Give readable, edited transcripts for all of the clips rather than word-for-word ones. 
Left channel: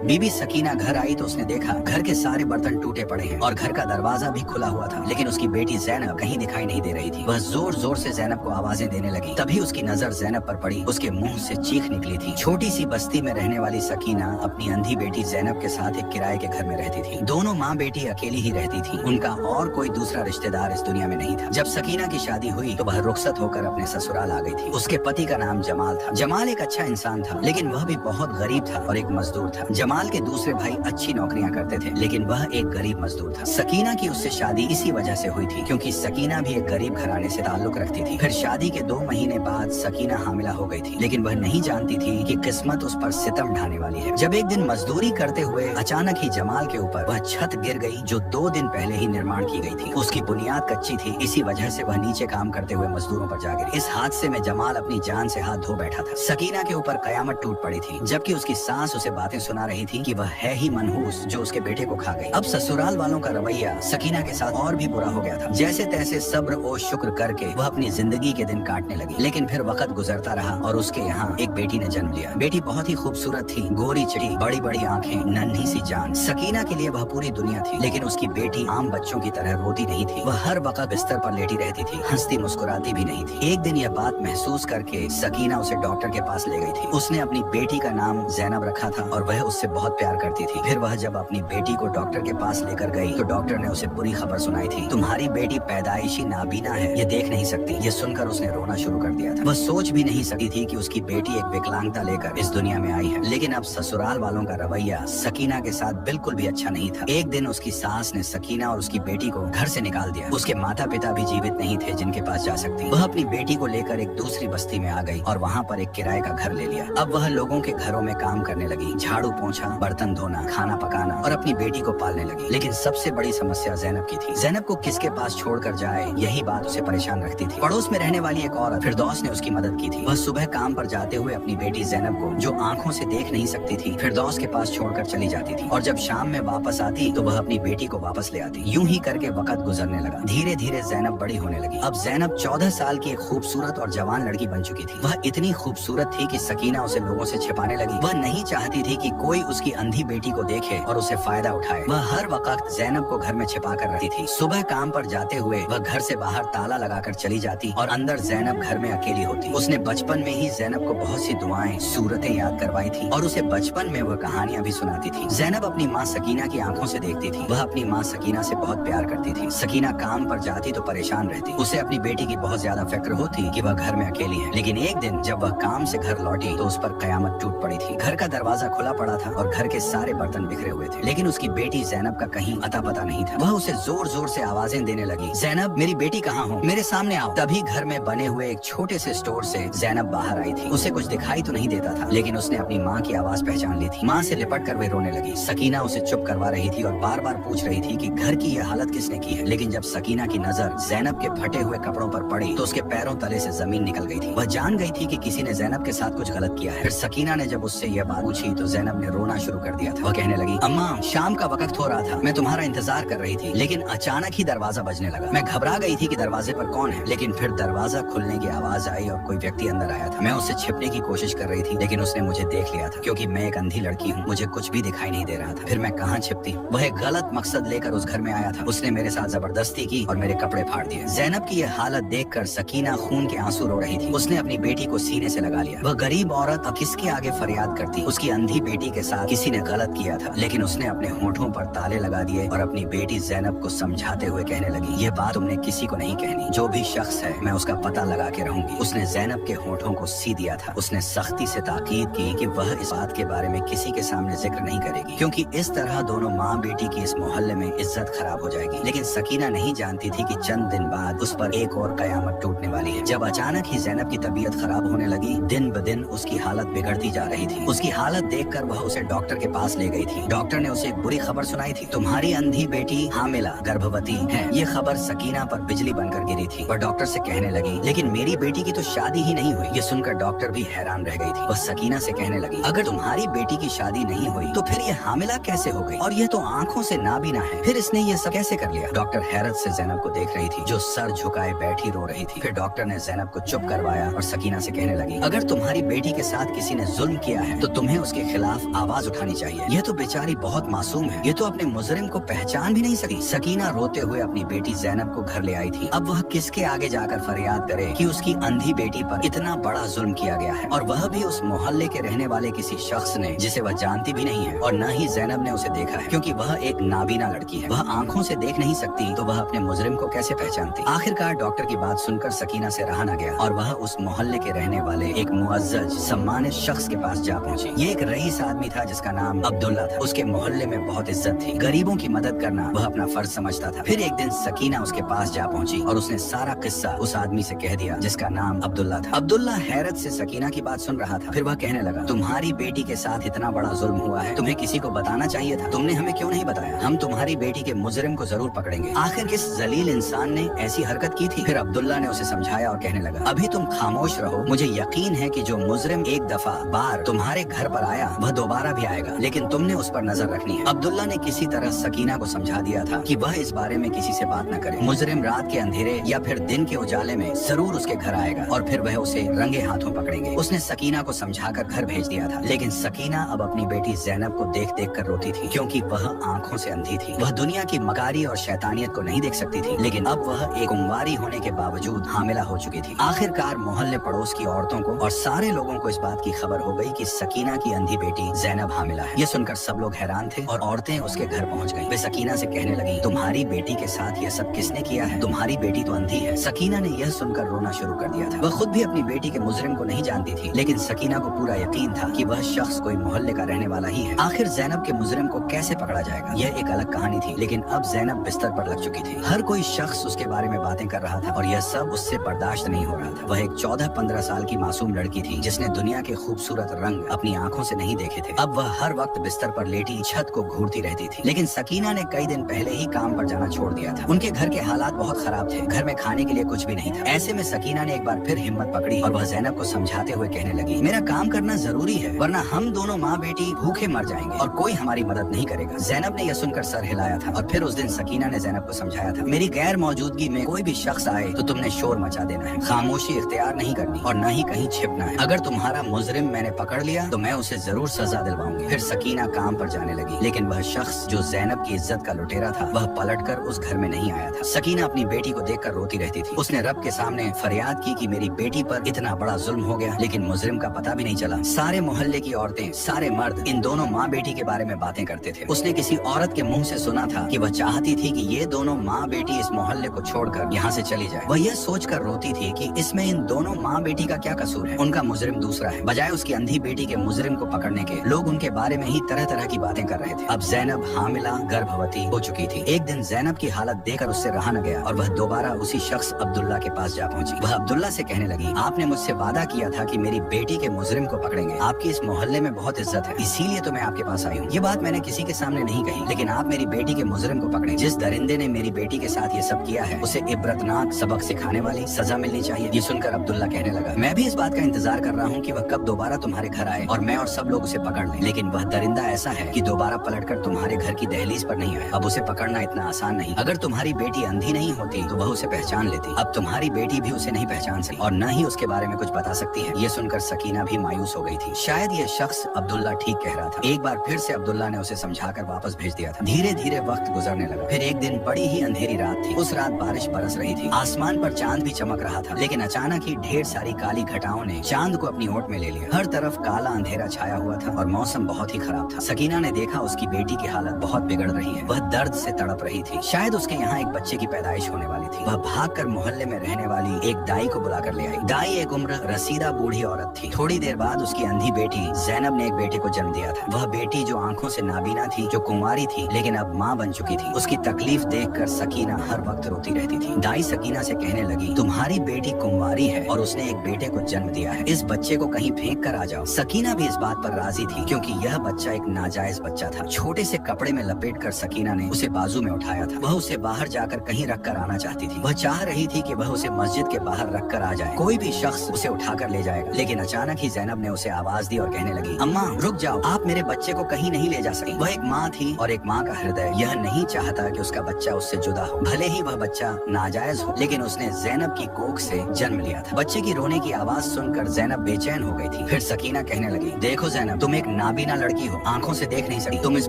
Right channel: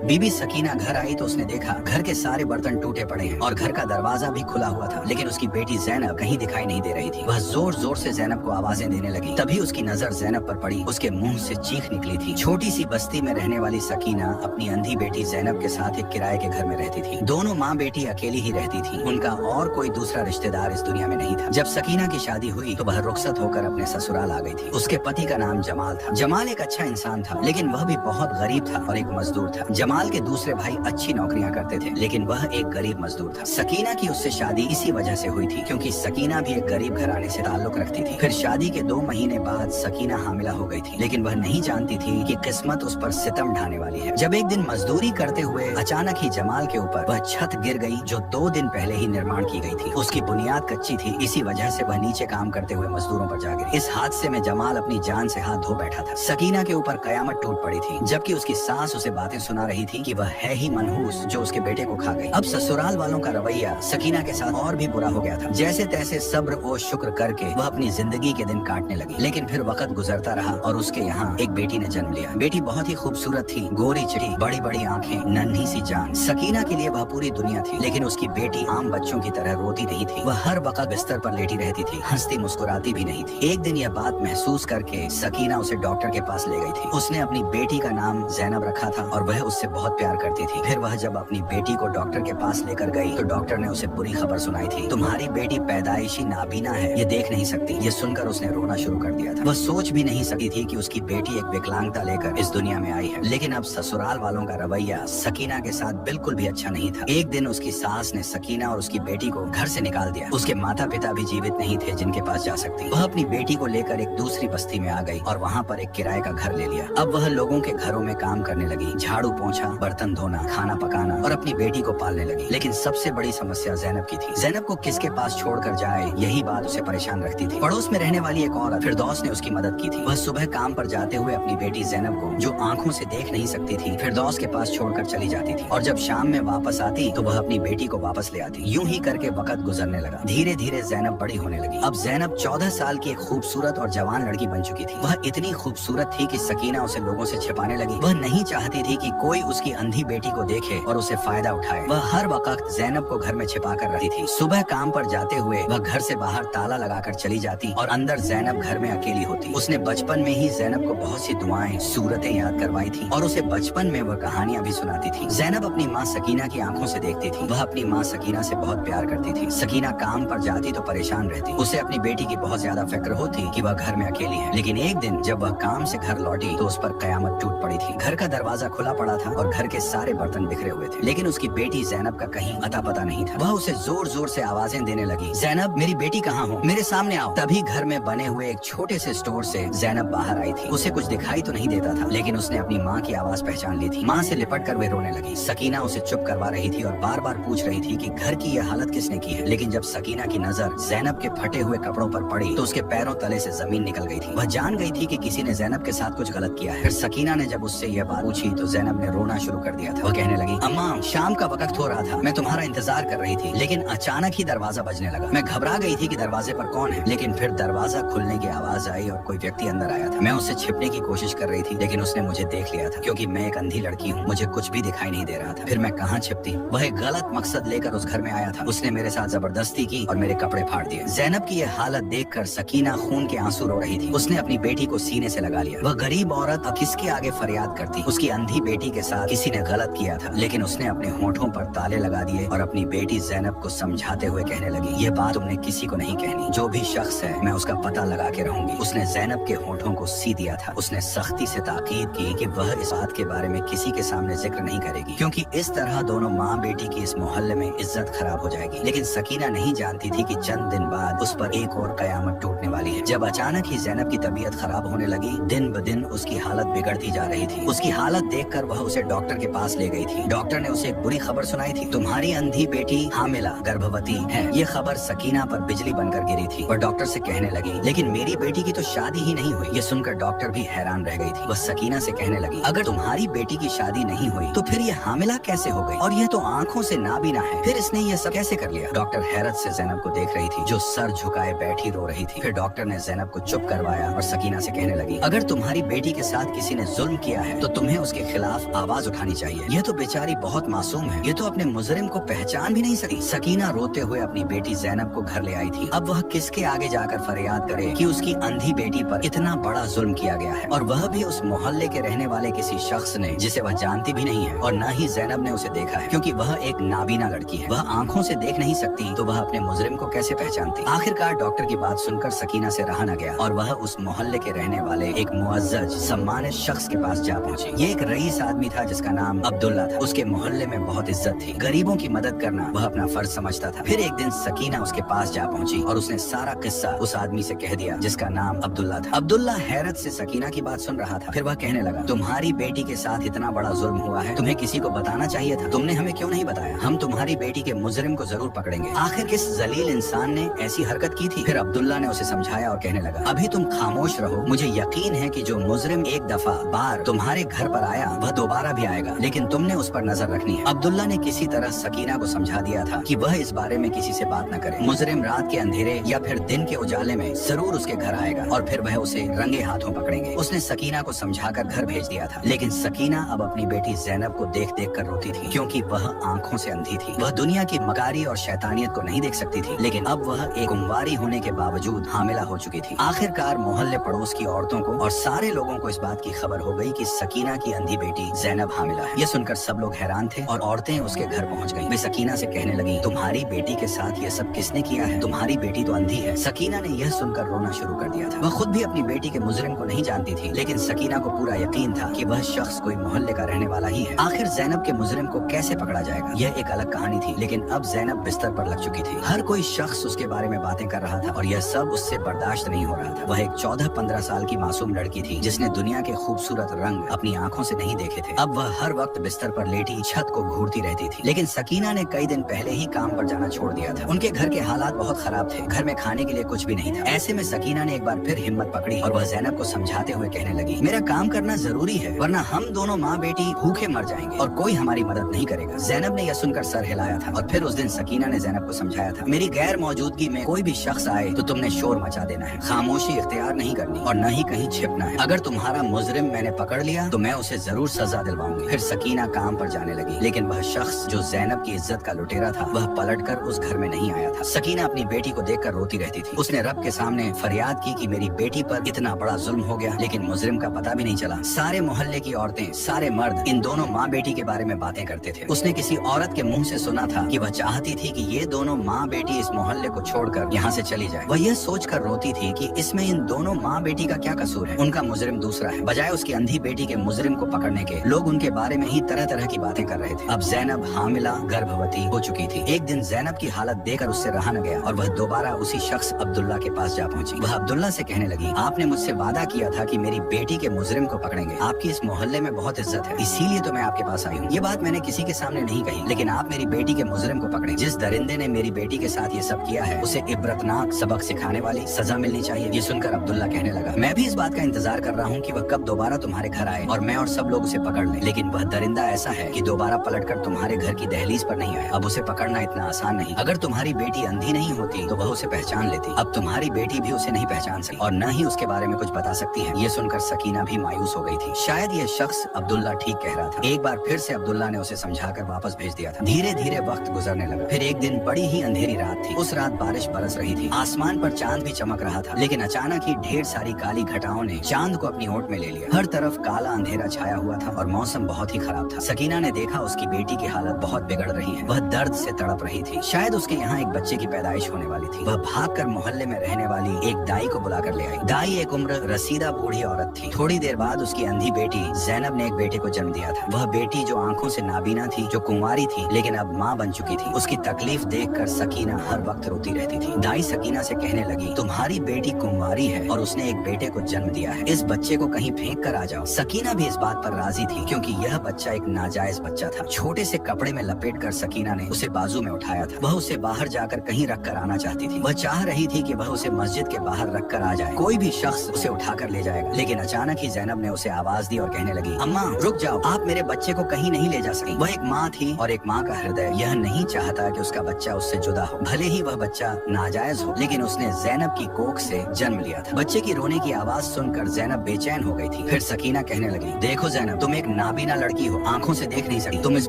बीबी सकीना घर आई तो उसने देखा घर के सारे बर्तन टूटे पड़े हैं और घर का दरवाजा भी खुला हुआ था, लेकिन उसकी बेटी जैनब कहीं दिखाई नहीं दे रही थी। वह जोर जोर से जैनब को आवाजें देने लगी। तभी उसकी नजर जैनब पर पड़ी। उसके मुंह से चीख निकली थी। छोटी सी बस्ती में रहने वाली सकीना अपनी अंधी बेटी जैनब के साथ एक किराए के घर में रहती थी। दोनों माँ बेटी अकेली ही रहती थी। उनका और कोई दूसरा रिश्तेदार इस दुनिया में नहीं था। जब सकीना की शादी हुई तो वह रुखसत होकर अपने ससुराल आ गई थी। उसके पति का नाम जमाल था। जमाल एक अच्छा इंसान था, लेकिन वह भी बहुत गरीब था और एक मजदूर था। जमाल के दूसरे भाई अच्छी नौकरियां करते थे, लेकिन वह एक गरीब मजदूर था। सकीना की उससे शादी इसी वजह से हुई थी, क्योंकि सकीना भी एक गरीब घराने से ताल्लुक रखती थी। फिर शादी के 2 महीने बाद सकीना हामिला हो गई थी, लेकिन वह नहीं जानती थी कि किस्मत उस पर सितम ढाने वाली है। जब एक दिन मजदूरी करते हुए अचानक ही जमाल के ऊपर वह छत गिर गई, जो 2 दिन पहले ही निर्माण की गई थी। उसकी बुनियाद कच्ची थी, इसी वजह से वह नीचे काम करते हुए मजदूरों पर जा गिरी। इस हादसे में जमाल अपनी जान से हाथ धो बैठा था। सकीना के ऊपर कयामत टूट पड़ी थी, जबकि उसकी सास उसे बातें सुना रही थी कि वह है ही मनहूस जो उसके बेटे को खा गई। अब ससुराल वालों का रवैया सकीना के साथ और भी बुरा हो गया था। जैसे तैसे सब्र और शुक्र करके वह अपनी जिंदगी के दिन काटने लगी, लेकिन फिर वक्त गुजरता रहा और उसके यहाँ एक बेटी ने जन्म लिया। बेटी बहुत ही खूबसूरत थी, गोरी चिड़ी, बड़ी बड़ी आंखें, नन्ही सी जान। सकीना के लिए वह पूरी दुनिया थी, लेकिन उसकी बेटी आम बच्चों की तरह रोती नहीं थी। वह हर वक्त बिस्तर पर लेटी रहती थी, हंसती मुस्कुराती भी नहीं थी। एक दिन यह बात महसूस करके सकीना उसे डॉक्टर के पास ले गई थी। उसने अपनी बेटी का नाम जैनब रखा था और वह उससे बहुत प्यार करती थी। फिर वह जब अपनी बेटी को डॉक्टर के पास लेकर गई तो डॉक्टर ने उसे बुरी खबर सुनाई थी, तुम्हारी बेटी पैदाइशी नाबीना है, ये देख नहीं सकती। ये सुनकर उसने रोना शुरू कर दिया था। वह सोच भी नहीं सकती थी कि उसकी बेटी एक विकलांगता लेकर इस दुनिया में आई है। लेकिन अब ससुराल वालों का रवैया सकीना के साथ बिल्कुल भी अच्छा नहीं था। एक दिन उसकी सास ने सकीना और उसकी बेटी को घर से निकाल दिया। उसके माता पिता भी जीवित नहीं थे जिनके पास जा सकती। वह अपनी बेटी को लेकर एक दूसरी बस्ती में आ गई और वहाँ पर एक किराए का घर ले लिया। अब वह लोगों के घरों में काम करने लगी, झाड़ू पोंछा, बर्तन धोना, खाना पकाना और अपनी बेटी को पालने लगी। लेकिन सबसे बड़ी समस्या जैनब की थी। जैनब को किसके पास छोड़कर जाए, यही बात उसे परेशान रखती थी। पड़ोस में रहने वाली एक औरत फिरदौस ने उसकी मदद की थी। वह सुबह काम पर जाते हुए अपनी बेटी जैनब को, जो आंखों से देख नहीं सकती थी, फिरदौस के पास छोड़कर चली जाती थी और जब शाम में वापस आती तो वह अपनी बेटी को वापस ले आती। यूं ही करके वक्त गुजरने लगा। धीरे धीरे जैनब बड़ी होने लगी। अब जैनब 14 साल की एक खूबसूरत और जवान लड़की बन चुकी थी। वह इतनी खूबसूरत थी कि सकीना उसे लोगों से छिपाने लगी। वह नहीं चाहती थी कि कोई उसकी अंधी बेटी को देखे और उसे फायदा उठाए। वह हर वक्त जैनब को घर में छिपा कर रखती थी। सुबह काम पर जाते हुए वह घर से बाहर ताला लगाकर चली जाती और अंदर जैनब घर में अकेली होती। उसने बचपन में ही जैनब को बहुत सी दुआएं, सूरतें याद करवाई थी और उसे बचपन में वह कहानियां भी सुनाती थी। जैनब अपनी माँ सकीना की आंखों से देखती थी। वह अपनी माँ सकीना से बहुत प्यार करती थी। सकीना काम पर जाती तो परेशान रहती। उसे अपनी बेटी की बहुत ज्यादा फिक्र होती कि वह घर में अकेली है। लेकिन एक दिन जब वह काम से घर लौटी तो उस पर कयामत टूट पड़ी थी। घर का दरवाजा खुला पड़ा था और घर के सारे बर्तन बिखरे हुए थे, लेकिन उसकी बेटी जैनब का कहीं अता पता नहीं था। वह उसे जोर जोर से आवाजें देने लगी, जैनब मेरी बेटी कहाँ हो, मेरे सामने आओ। तभी घर में बने हुए एक छोटे से स्टोर से जैनब बाहर आई थी। उसे कुछ दिखाई तो नहीं देता था, लेकिन उसने अपनी माँ की आवाज पहचान ली थी। माँ से लिपट कर वह रोने लगी। सकीना उसे चुप करवा रही थी और बार बार पूछ रही थी कि घर की यह हालत किसने की है। लेकिन जब सकीना की नजर जैनब के फटे हुए कपड़ों पर पड़ी तो उसके पैरों तले से जमीन निकल गई थी। वह जान गई थी कि किसी ने जैनब के साथ कुछ गलत किया है। फिर सकीना ने जब उससे यह बात पूछी तो जैनब ने रोना शुरू कर दिया था। वह कहने लगी, अम्मा शाम का वक्त हो रहा था, मैं तुम्हारा इंतजार कर रही थी, लेकिन अचानक ही दरवाजा बजने लगा। मैं घबरा गई थी कि दरवाजे पर कौन है, लेकिन फिर दरवाजा खुलने की आवाज आई और कोई व्यक्ति अंदर आया था। मैं उससे छिपने की कोशिश कर रही थी, लेकिन उसने मुझे देख लिया था। क्योंकि मैं एक अंधी लड़की हूँ, मुझे कुछ भी दिखाई नहीं दे रहा था। फिर मैं कहाँ छिपती। वह एक गलत मकसद लेकर उस घर में आया था। उसने मेरे साथ जबरदस्ती की और मेरे कपड़े फाड़ दिए। जैनब की यह हालत देखकर सकीना खून के आंसू रो रही थी। उसने अपनी बेटी को सीने से लगा लिया। वह गरीब औरत अब किसके आगे फरियाद करती। उसकी अंधी बेटी के साथ किसी ने गलत किया था, लेकिन उसने अपने होठों पर ताले लगा दिए और अपनी बेटी जैनब को समझाते हुए कहने लगी, ये बात तुमने किसी को नहीं कहनी। जो भी शख्स है मैं उसका पता लगा के रहूंगी। उसने जैनब के होठों को सी दिया था। उसने सख्ती से ताकीद की कि वह इस बात के बारे में किसी के सामने जिक्र नहीं करेगी, क्योंकि इस तरह दोनों माँ बेटी की इस मोहल्ले में इज्जत खराब हो जाएगी। लेकिन सकीना नहीं जानती थी कि चंद दिन बाद उस पर एक और कयामत टूटने वाली है। जब अचानक ही जैनब की तबीयत खराब होने लगी, दिन ब दिन उसकी हालत बिगड़ती जा रही थी। उसकी हालत देखकर वह उसे डॉक्टर के पास ले गई थी। डॉक्टर ने उसे एक बुरी खबर सुनाई थी, तुम्हारी अंधी बेटी हामिला गर्भवती है। ये खबर सकीना पर बिजली बनकर गिरी थी। वह डॉक्टर से कहने लगी, लेकिन मेरी बेटी की तो शादी ही नहीं हुई। ये सुनकर डॉक्टर भी हैरान रह गई थी। वह सकीना से कहने लगी, अगर तुम्हारी बेटी की शादी नहीं हुई तो फिर ये हामिला कैसे हो गई, और ये तो आंखों से नाबीना है, फिर इसने ये सब कैसे कर लिया। डॉक्टर हैरत से जैनब को देख रही थी, जो सर झुकाए बैठी रो रही थी। फिर डॉक्टर ने जैनब को चुप करवाया और सकीना से कहने लगी, अगर तुम्हारी बेटी के साथ किसी ने जुल्म किया है तो तुम्हें उसके खिलाफ आवाज उठानी चाहिए। यह तो बेचारी बहुत मासूम है, ये तो अपने मुजरिम को पहचान भी नहीं सकी। सकीना रोते हुए अपनी बेटी ज़ैनब को घर ले आई थी। अब वह किसके आगे जाकर फरियाद करे कि उसकी अंधी बेटी पर इतना बड़ा जुल्म किया गया है, और वह भी उस मोहल्ले के रहने वाले किसी शख्स ने जिसे वह जानती भी नहीं है, और न ही ज़ैनब ने उसे देखा है, क्योंकि वह एक नाबीना लड़की है। वह आंखों से देख नहीं सकती, तो वह अपने मुजरिम को कैसे पहचानती। आखिरकार डॉक्टर की बात सुनकर सकीना से रहा न गया, और वह उस मोहल्ले के रहने वाले एक मुअज्जज सम्मानित शख्स के पास जा पहुंची। ये एक रईस आदमी था जिसका नाम अब्दुल्ला था। उसके मोहल्ले में बहुत इज्जत थी, गरीबों की मदद करना वह अपना फर्ज समझता था। फिर एक दिन सकीना उसके पास जा पहुंची और उसने सारा किस्सा उस आदमी से कह दिया जिसका नाम अब्दुल्ला था। अब्दुल्ला हैरत से सकीना की बात सुन रहा था। फिर वह कहने लगा, तुम्हारी बेटी के साथ इतना बड़ा जुल्म हुआ है, तुम्हें किसी को बताना चाहिए था, तुमने हमें क्यों नहीं बताया? हम तुम्हारी बेटी के मुजरिम को जरूर पकड़ेंगे। आखिर किस जलील इंसान ने ऐसी हरकत की थी? फिर अब्दुल्ला ने उसे समझाया और कहने लगा, अभी तुम खामोश रहो, मुझे यकीन है कि जो मुजरिम एक दफा बार तुम्हारे घर पर आया वह दोबारा भी आएगा, लेकिन तुमने उस पर नजर रखनी है। अब्दुल्ला ने किसी तरह सकीना को समझा दिया था कि वह इस बारे में किसी से बात न करे। मुजरिम रात के अंधेरे या फिर दिन के उजाले में जरूर उसके घर आएगा और फिर वह उसे रंगे हाथों पकड़ेंगे। उसने सकीना को समझाकर घर भेज दिया था, लेकिन सकीना अब अपनी बेटी ज़ैनब को देख देख कर रोती थी, क्योंकि वह आंखों से अंधी थी। वह दुनिया की मकारी और शैतानियत को नहीं देख सकती थी, लेकिन अब वह एक कुंवारी होने के बावजूद हामिला हो चुकी थी। आखिरकार मोहल्ले पड़ोस की औरतों को और सारे लोगों को इस बात की खबर हो गई कि सकीना की अंधी बेटी ज़ैनब हामिला है। यह सुनकर सब लोग हैरान थे और औरतें उसके घर पहुंच गईं। वे सकीना से कहने लगी, तुम्हारी बेटी के साथ यह सब किसने किया है? तुम्हारी बेटी तो अंधी है। सकीना ने यह सुनकर रोना शुरू कर दिया था। वह खुद भी अपनी बेटी के मुजरिम को नहीं जानती थी, लेकिन सकीना को पूरा यकीन था कि वह शख्स कोई मोहल्ले का रहने वाला ही है। आखिर ज़ैनब के मुजरिम को कैसे पकड़ा जाएगा, यह एक अलग कहानी थी। लेकिन अब ज़ैनब बिस्तर पर लग चुकी थी। हर कोई शख्स उसके बारे में बातें कर रहा था और यह सब उससे बर्दाश्त नहीं हो रहा था। वह एक 14-15 साल की मासूम लड़की थी जिसने दुनिया के खूबसूरत रंग अपनी आंखों से नहीं देखे थे। अब वह हर वक्त बिस्तर पर लेटी छत को घूरती रहती थी। लेकिन सकीना ने कई दिन पहले ही काम पर जाना छोड़ दिया था। उनके घर के हालात बहुत खराब थे, घर में खाने के लिए कुछ भी नहीं था। ऐसे में सकीना ने एक बार फिर हिम्मत पकड़ी और वह ज़ैनब को समझाते हुए कहने लगी, मेरा काम करना जरूरी है, वरना हम दोनों माँ बेटी भूखे मर जाएंगे और कोई हमारी मदद नहीं करेगा। ज़ैनब ने यह सुनकर सर हिलाया था और फिर उस दिन सकीना ने ज़ैनब को समझाया था, मेरी गैर मौजूदगी में कोई भी शख्स आए तो तुमने शोर मचा देना है, खामोशी इख्तियार नहीं करनी और न ही कहीं छिपना है। अगर तुम्हारा मुजरिम मैंने पकड़ लिया तो मैं उसे जरूर सजा दिलवाऊंगी। फिर सकीना काम पर जाने लगी, लेकिन वह शख्स जो ज़ैनब की इज्जत का लुटेरा था वह पलटकर उस घर में नहीं आया था। सकीना अपनी बेटी को देखकर रोती रहती थी। उसने रब के सामने फरियाद की कि मेरी बेटी पर इतना बड़ा जुल्म हो गया, लेकिन मुजरिम का पता भी नहीं चला। सारे मोहल्ले की औरतें, सारे मर्द इन दोनों माँ बेटी के बारे में बातें करते थे। उसने किसी औरत के मुंह से सुना था कि वह चाहती थी कि ये दोनों माँ बेटी इस मोहल्ले को छोड़कर यहाँ से चली जाए। वह यह सोचकर रोती थी कि इसमें इन दोनों माँ बेटी का क्या कसूर है, उनका मुजरिम दूसरा है। बजाय उसकी अंधी बेटी के मुजरिम को पकड़ने के लोग उनके बारे में ही तरह तरह की बातें कर रहे थे। अब ज़ैनब हामिला गर्भवती हो चुकी थी। एक दिन ज़ैनब की हालत देखकर उससे रहा न गया और वह दोबारा उसी शख्स अब्दुल्ला के पास जा पहुंची। वह अब्दुल्ला से कहने लगी, आपने मुझसे वादा किया था कि मेरी बेटी के मुजरिम को पकड़ेंगे। आपकी इस मोहल्ले में बहुत इज्जत है, इसीलिए तो मैं आपके पास आई हूँ। ये बात मैंने किसी के सामने नहीं कही, लेकिन आप मेरी बेटी के मुजरिम को पकड़े। जिस दरिंदे ने मेरी बेटी के साथ ये सब किया है उसे इबरतनाक सबक सिखाने वाली सजा मिलनी चाहिए। ये सुनकर अब्दुल्ला कहने लगा, मैं भी इस बात का इंतजार कर रहा हूँ कि वह कब दोबारा तुम्हारे घर आए और मैं और सब लोग उसे पकड़ लें, लेकिन वह दरिंदा ऐसा है कि दोबारा पलटकर तुम्हारे घर की दहलीज पर नहीं आए। अब उसे पकड़ना इतना आसान नहीं। अगर तुम्हारी बेटी अंधी नहीं होती तो वह उसे पहचान लेती। अब तुम्हारी बेटी भी उसे नहीं पहचान सकी और न ही उसके बारे में कुछ बता सकती है। ये सुनकर सकीना भी मायूस हो गई थी। शायद ये शख्स अब्दुल्ला ठीक कह रहा था। एक बार फिर से अब्दुल्ला ने उसे समझाकर वापस भेज दिया था। धीरे धीरे वक्त गुजरने लगा। फिर एक दिन बड़ी ही अंधेरी रात थी। उस रात बारिश बरस रही थी, आसमान पर चांद भी चमक रहा था, लेकिन अचानक ही ढेर सारी काली घटाओं ने चांद को अपनी ओट में ले लिया। हर तरफ काला अंधेरा छाया हुआ था और मौसम बहुत ही खराब था। सकीना ने देखा उसकी बेटी की हालत बहुत बिगड़ रही है। वह दर्द से तड़प रही थी। शायद उसके यहाँ एक बच्चे की पैदाइश होने वाली थी। वह भागकर मोहल्ले में रहने वाली एक दाई को बुलाकर ले आई। दाई एक उम्र रसीदा बूढ़ी औरत थी। थोड़ी देर बाद उसकी अंधी बेटी ज़ैनब ने एक बेटे को जन्म दिया था। वह बेटी जो आंखों से नाबीना थी, जो कुंवारी थी, लेकिन अब माँ बन चुकी थी। उसकी तकलीफ देखकर सकीना हर वक्त रोती रहती थी। दाई सकीना से कहने लगी, तुम्हारी बेटी कुंवारी है और उसने एक बेटे को जन्म दिया है, इस बच्चे को कहीं फेंक कर आ जाओ। सकीना भी इस बात पर राजी थी, क्योंकि यह बच्चा एक नाजायज बच्चा था। छोटे से कपड़े में लपेट कर सकीना ने उसे बाजू में उठाया था। वह उसे बाहर जाकर कहीं रख कर आना चाहती थी। वह चाह रही थी कि वह उसे मस्जिद के बाहर रख कर आ जाए, कोई भी शख्स उसे उठाकर ले जाएगा। लेकिन अचानक ही ज़ैनब ने उसे आवाज दी और कहने लगी, अम्मा रुक जाओ, आप मेरे बच्चे को कहीं नहीं ले जा सकती। वह एक माँ थी और एक माँ का हृदय यह नहीं चाहता कि उसका बच्चा उससे जुदा हो, भले ही वह बच्चा नाजायज हो, लेकिन उसने ज़ैनब की कोख से जन्म लिया था। बच्चे की रोने की आवाज सुनकर ज़ैनब बेचैन हो गई थी। फिर सकीना कहने लगी, देखो ज़ैनब, तुम एक नाबीना लड़की हो, आंखों से देख नहीं सकती, तुम इस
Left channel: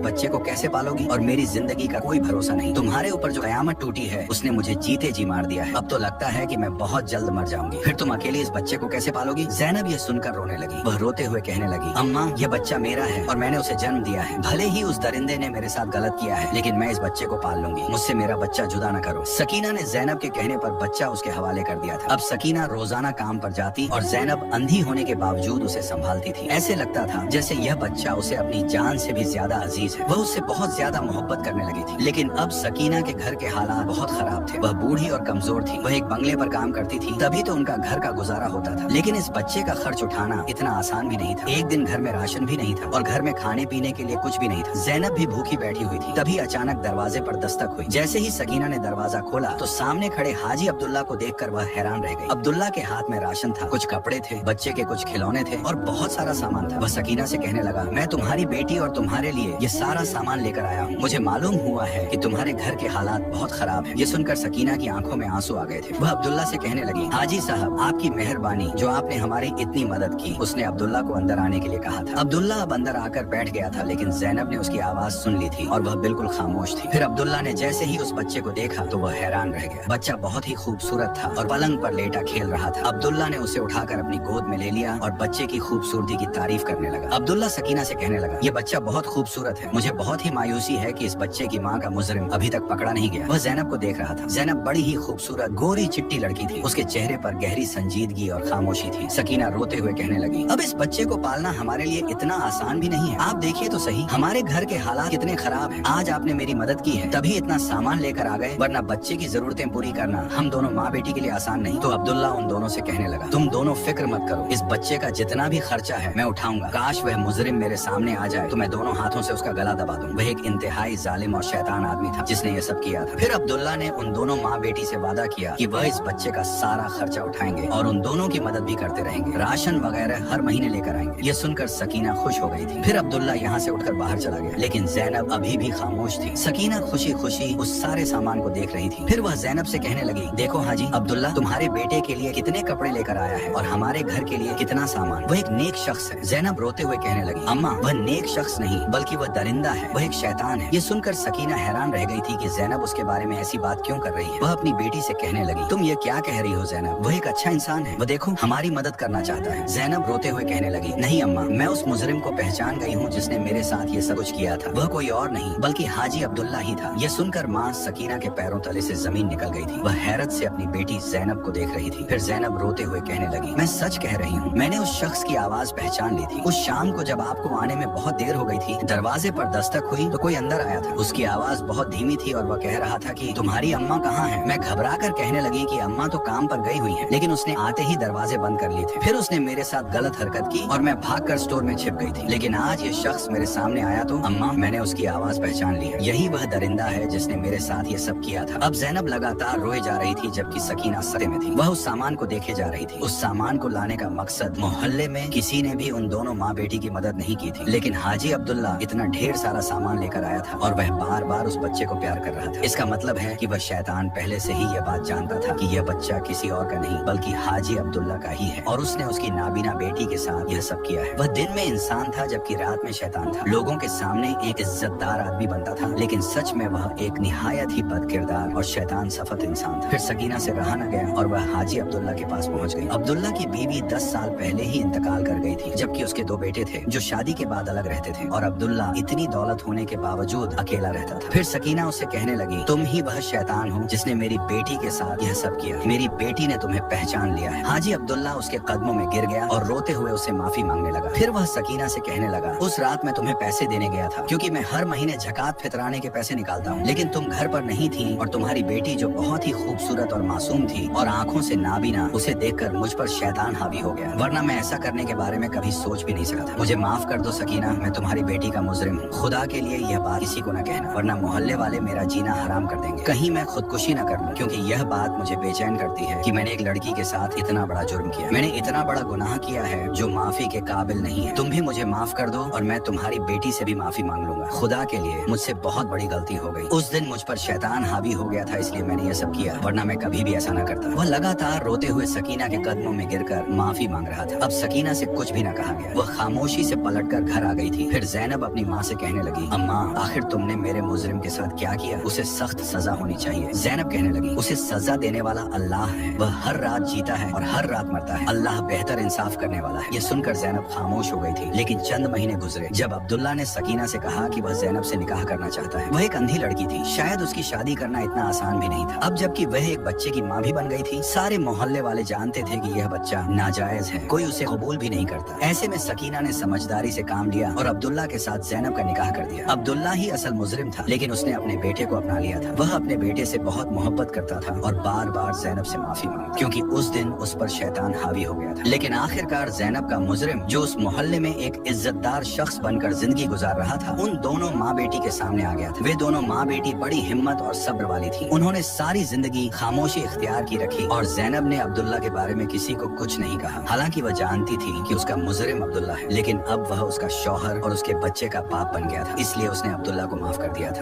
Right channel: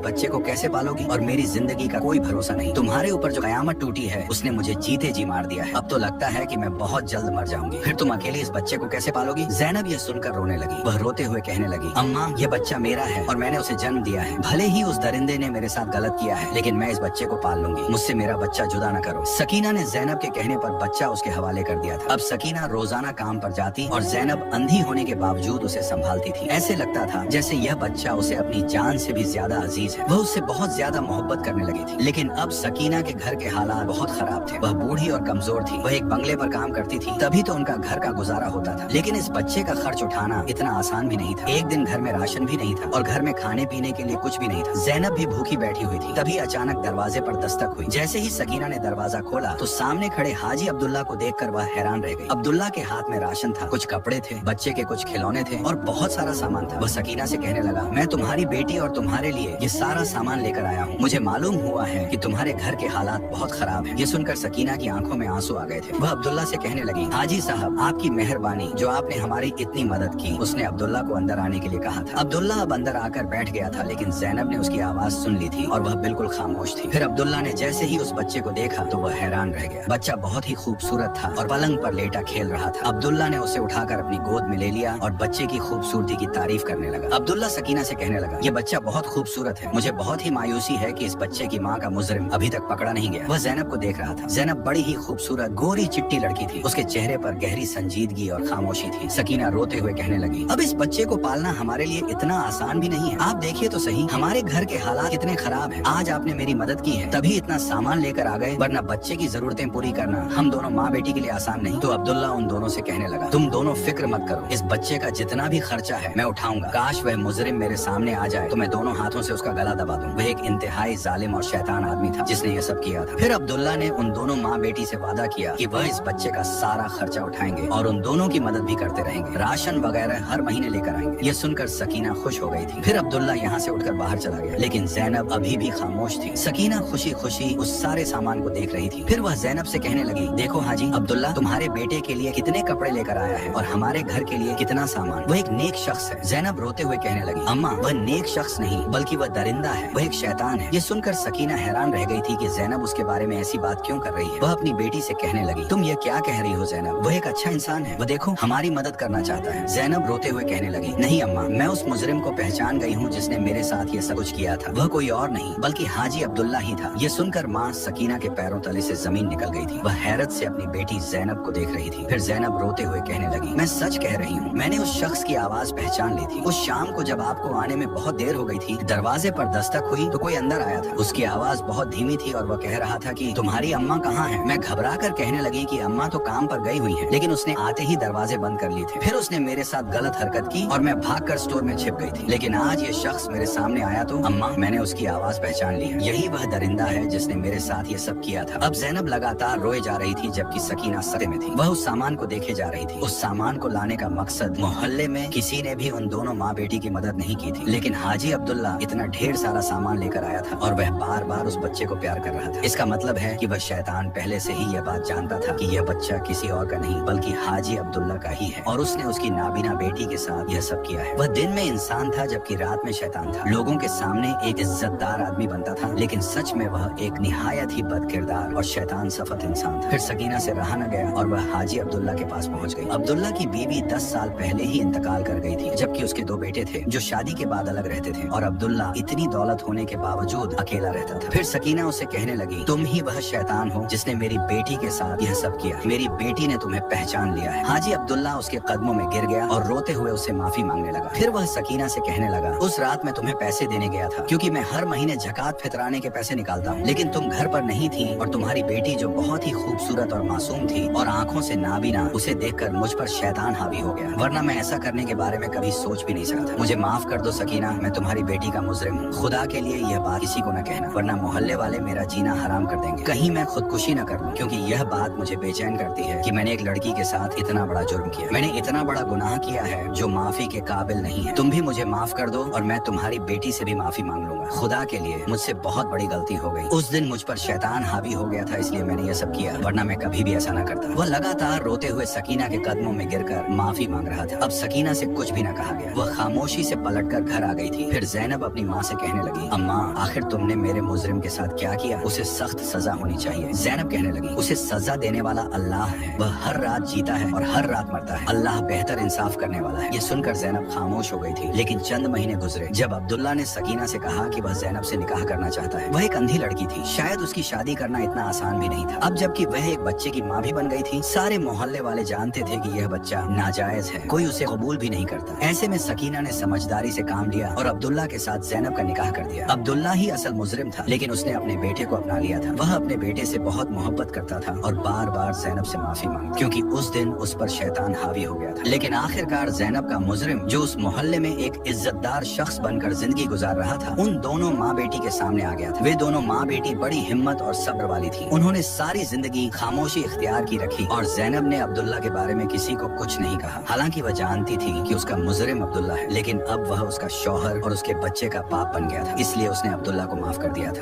बच्चे को कैसे पालोगी? और मेरी जिंदगी का कोई भरोसा नहीं। तुम्हारे ऊपर जो कयामत टूटी है उसने मुझे जीते जी मार दिया है। अब तो लगता है कि मैं बहुत जल्द मर जाऊंगी। फिर तुम अकेले इस बच्चे को कैसे पालोगी? ज़ैनब यह सुनकर रोने लगी। वह रोते हुए कहने लगी, अम्मा ये बच्चा मेरा है और मैंने उसे जन्म दिया है। भले ही उस दरिंदे ने मेरे साथ गलत किया है, लेकिन मैं इस बच्चे को पाल लूंगी। मुझसे मेरा बच्चा जुदा न करो। सकीना ने ज़ैनब के कहने पर बच्चा उसके हवाले कर दिया था। अब सकीना रोजाना काम पर जाती और ज़ैनब अंधी होने के बावजूद उसे संभालती थी। ऐसे लगता था जैसे यह बच्चा उसे अपनी जान से भी ज्यादा अजीज है। वह उससे बहुत ज्यादा मोहब्बत करने लगी थी। लेकिन अब सकीना के घर के हालात बहुत खराब थे। वह बूढ़ी और कमजोर थी। वह एक बंगले पर काम करती थी, तभी तो उनका घर का गुजारा होता था। लेकिन इस बच्चे का खर्च उठाना इतना आसान भी नहीं था। एक दिन घर में राशन भी नहीं था और घर में खाने पीने के लिए कुछ भी नहीं था। ज़ैनब भी भूखी बैठी हुई थी। तभी अचानक दरवाजे पर दस्तक हुई। जैसे ही सकीना ने दरवाजा खोला तो सामने खड़े हाजी अब्दुल्ला को देखकर वह हैरान रह गई। अब्दुल्ला के हाथ में राशन था, कुछ कपड़े थे, बच्चे के कुछ खिलौने थे और बहुत सारा सामान था। वह सकीना से कहने लगा, मैं तुम्हारी बेटी और तुम्हारे लिए ये सारा सामान लेकर आया हूँ। मुझे मालूम हुआ है कि तुम्हारे घर के हालात बहुत खराब हैं। ये सुनकर सकीना की आंखों में आंसू आ गए थे। वह अब्दुल्ला से कहने लगी, हाजी साहब, आपकी मेहरबानी, जो आपने हमारी इतनी मदद की। उसने अब्दुल्ला को अंदर आने के लिए कहा था। अब्दुल्ला अब अंदर आकर बैठ गया था, लेकिन ज़ैनब ने उसकी आवाज सुन ली थी और वह बिल्कुल खामोश थी। फिर अब्दुल्ला ने जैसे ही उस बच्चे को देखा तो वह हैरान रह गया। बच्चा बहुत ही खूबसूरत था और पलंग पर लेटा खेल रहा था। अब्दुल्ला ने उसे उठाकर अपनी गोद में ले लिया और बच्चे की खूबसूरती की तारीफ करने लगा। अब्दुल्ला सकीना से कहने लगा, ये बच्चा बहुत खूबसूरत है। मुझे बहुत ही मायूसी है कि इस बच्चे की माँ का मुजरिम अभी तक पकड़ा नहीं गया। वह ज़ैनब को देख रहा था। ज़ैनब बड़ी ही खूबसूरत गोरी चिट्टी लड़की थी। उसके चेहरे पर गहरी संजीदगी और खामोशी थी। सकीना रोते हुए कहने लगी, अब इस बच्चे को पालना हमारे लिए इतना आसान भी नहीं है। आप देखिए तो सही, हमारे घर के हालात कितने खराब हैं। आज आपने मेरी मदद की है, तभी इतना सामान लेकर आ गए, वरना बच्चे की जरूरतें पूरी करना हम दोनों माँ बेटी के लिए आसान नहीं। तो अब्दुल्ला उन दोनों से कहने लगा, तुम दोनों फिक्र मत करो, इस बच्चे का जितना भी खर्चा है मैं उठाऊंगा। काश वह मुजरिम मेरे सामने आ जाए तो मैं दोनों हाथों से उसका गला दबा दूं। वह एक इंतहाई जालिम और शैतान आदमी था जिसने ये सब किया था। फिर अब्दुल्ला ने उन दोनों माँ बेटी से वादा किया कि वह इस बच्चे का सारा खर्चा उठाएंगे और उन दोनों की मदद भी करते रहेंगे। राशन वगैरह हर महीने लेकर आएंगे। ये सुनकर सकीना खुश हो गई थी। फिर अब्दुल्ला यहाँ से उठकर बाहर चला गया, लेकिन ज़ैनब अभी भी खामोश थी। सकीना खुशी खुशी उस सारे सामान को देख रही थी। फिर वह ज़ैनब से कहने लगी, देखो हाजी, अब्दुल्ला तुम्हारे बेटे के लिए कितने कपड़े लेकर आया है और हमारे घर के लिए कितना सामान। वह एक नेक शख्स है। ज़ैनब रोते हुए कहने लगी, अम्मा वह नेक शख्स नहीं बल्कि वह दरिंदा है, वह एक शैतान है। ये सुनकर सकीना हैरान रह गई थी कि ज़ैनब उसके बारे में ऐसी बात क्यों कर रही है। वह अपनी बेटी से कहने लगी, तुम ये क्या कह रही हो ज़ैनब, वह एक अच्छा इंसान है, वह देखो हमारी मदद करना चाहता है। ज़ैनब रोते हुए कहने लगी, नहीं अम्मा, मैं उस मुजरिम को पहचान गई हूँ जिसने मेरे साथ ये सब कुछ किया था। वह कोई और नहीं बल्कि हाजी अब्दुल्ला ही था। ये सुनकर माँ सकीना के पैरों तले से जमीन निकल गई थी। वह हैरत से अपनी बेटी ज़ैनब को देख रही थी। फिर ज़ैनब रोते हुए कहने लगी, मैं सच कह रही हूँ, मैंने उस शख्स की आवाज पहचान ली थी। उस शाम को जब आपको आने में बहुत देर हो गई थी, दरवाजे पर दस्तक हुई तो कोई अंदर आया था। उसकी आवाज बहुत धीमी थी और वह कह रहा था कि तुम्हारी अम्मा कहाँ है। मैं घबरा कर कहने लगी कि अम्मा तो काम पर गई हुई है, लेकिन उसने आते ही दरवाजे बंद कर लिए थे। फिर उसने मेरे साथ गलत हरकत की और मैं भागकर स्टोर में छिप गई थी। लेकिन आज ये शख्स मेरे सामने आया तो अम्मा, मैंने उसकी आवाज पहचान ली है। यही वह दरिंदा है जिसने मेरे साथ ये सब किया था। अब ज़ैनब लगातार रोए जा रही थी जबकि सकीना सदमे में थी। वह उस सामान को देखे जा रही थी। उस सामान को लाने का मकसद, मोहल्ले में किसी ने भी उन दोनों माँ बेटी की मदद नहीं की थी, लेकिन हाजी अब्दुल्ला इतना ढेर सारा सामान लेकर आया था और वह बार बार उस बच्चे को प्यार कर रहा था। इसका मतलब है कि वह शैतान पहले से ही यह बात जानता था कि यह बच्चा किसी और का नहीं बल्कि हाजी अब्दुल्ला का ही है और उसने उसकी नाबीना बेटी के साथ यह सब किया है। वह दिन में इंसान था जबकि रात में शैतान था। लोगों के सामने एक इज्जतदार आदमी बनता था, लेकिन सच में वह एक निहायत ही बदकिरदार और शैतान सफत इंसान था। फिर सकीना से रहा न गया और वह हाजी अब्दुल्ला के पास पहुंच गई। अब्दुल्ला की बीवी 10 साल पहले ही इंतकाल कर गई थी, जबकि उसके 2 बेटे थे जो शादी के बाद अलग रहते थे और अब्दुल्ला इतनी दौलत होने के बावजूद अकेला रहता था। फिर सकीना उसे कहने लगी, तुम ही वह शैतान हो जिसने मेरी बेटी के साथ यह सब किया। मेरी बेटी ने तुम्हें पहचान लिया है। हाजी अब्दुल्ला उसके कदमों में गिर गया और रोते हुए उसे माफी मांगने लगा। फिर वह सकीना से कहने लगा, उस रात मैं तुम्हें पैसे देने गया था क्योंकि मैं हर महीने ज़कात फितराने के पैसे निकालता हूँ, लेकिन तुम घर पर नहीं थी और तुम्हारी बेटी जो बहुत ही खूबसूरत और मासूम थी और आंखों से नाबीना, उसे देखकर मुझ पर शैतान हावी हो गया, वरना मैं ऐसा करने के बारे में कभी सोच भी नहीं सका था। मुझे माफ कर दो सकीना, मैं तुम्हारी बेटी का मुजरिम हूँ। खुदा के लिए यह बात किसी को न कहना। कहना, वरना मोहल्ले वाले मेरा जीना हराम कर देंगे। कहीं मैं खुदकुशी न कर लूं, क्योंकि यह बात मुझे बेचैन करती है कि मैंने एक लड़की के साथ इतना बड़ा जुर्म किया। मैंने इतना बड़ा गुनाह किया है जो माफी के काबिल नहीं है। तुम भी मुझे माफ कर दो और मैं तुम्हारी बेटी से भी माफी मांग लूंगा। खुदा के लिए मुझसे बहुत बड़ी गलती हो गई। उस दिन मुझ पर शैतान हावी हो गया था, इसलिए मैंने ये सब किया, वरना मैं कभी भी ऐसा न करता। वह लगातार रोते हुए सकीना के कदमों में गिरकर माफी मांग रहा था। अब सकीना से कुछ भी न कहा गया। वह खामोशी से पलटकर घर आ गई थी। फिर ज़ैनब अपनी माँ से कहने लगी, अम्मा आखिर तुमने मेरे मुजरिम के साथ क्या किया? उसे सख्त सजा होनी चाहिए। ज़ैनब कहने लगी, उसे सजा देने वाला अल्लाह है। वह हर रात जीता है और हर रात मरता है। अल्लाह बेहतर इंसाफ करने वाला है। ये सुनकर ज़ैनब खामोश हो गई थी। लेकिन चंद महीने गुजरे जब अब्दुल्ला ने सकीना से कहा कि वह ज़ैनब से निकाह करना चाहता है। वह एक अंधी लड़की थी, शायद उसकी शादी करना इतना आसान भी नहीं था। अब जबकि वह एक बच्चे की माँ भी बन गई थी, सारे मोहल्ले वाले जानते थे कि यह बच्चा नाजायज है, कोई उसे कबूल भी नहीं करता। ऐसे में सकीना ने समझदारी से काम लिया और अब्दुल्ला के साथ ज़ैनब का निकाह कर दिया। अब्दुल्ला ही असल मुजरिम था, लेकिन उसने अपने बेटे को अपना लिया था। वह अपने बेटे से बहुत मोहब्बत करता था और बार बार ज़ैनब से माफी मांगता, क्योंकि उस दिन उस पर शैतान हावी हो गया था। लेकिन आखिरकार ज़ैनब का मुजरिम, जो उस मोहल्ले में एक इज्जतदार शख्स बनकर जिंदगी गुजार रहा था, उन दोनों माँ बेटी के सामने आ गया था। वे दोनों माँ बेटी बड़ी हिम्मत और सब्र वाली थी। उन्होंने सारी जिंदगी खामोशी इख्तियार की रखी और ज़ैनब ने अब्दुल्ला के बारे में किसी को कुछ नहीं कहा। हालांकि वह जानती थी कि उसका मुजरिम अब्दुल्ला है, लेकिन अब वह उसका शौहर और उसके बच्चे का बाप बन गया था, इसलिए उसने अब्दुल्ला को माफ कर दिया था।